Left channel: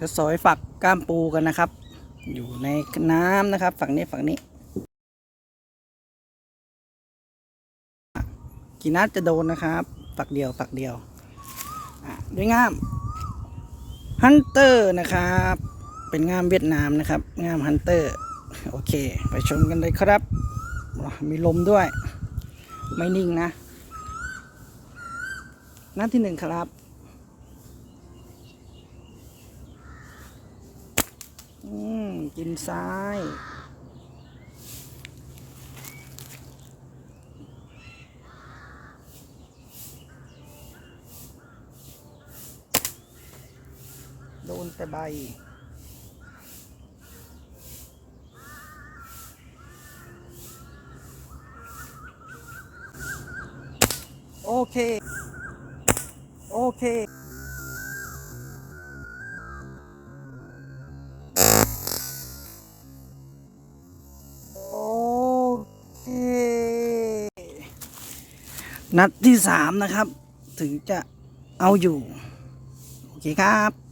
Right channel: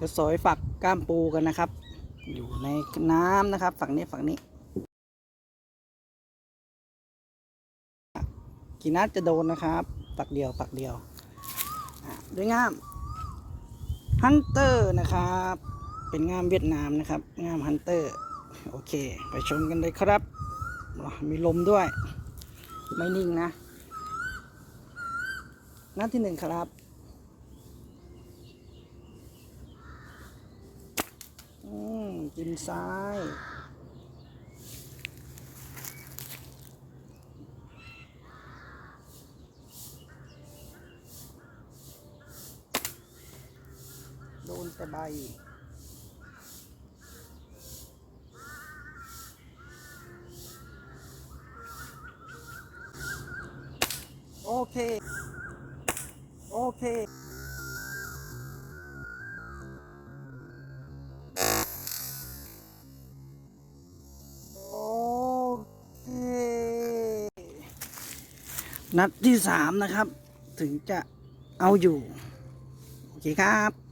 จะสอยฝักก้ามปูกันนะครับ อยู่ในน้ำนะครับ ฝั่งนี้ฝั่งนี้กี่นัดจะโดนนะครับฝักเดียวฝักเดียวด้วยง่ามฮันเตอร์นะครับ เป็นง่ามเวียดนามนะครับง่ามฮันเตอร์โอเค ไปชมกันเลยครับ มีลมด้วย ไม่นิ่งนะ นัดที่หนึ่งครับ อืมกินซ้าย โดนแต่ใบโอเค โอเค นัดที่สามนะครับ ถึงจะเอาอยู่ โอเคครับ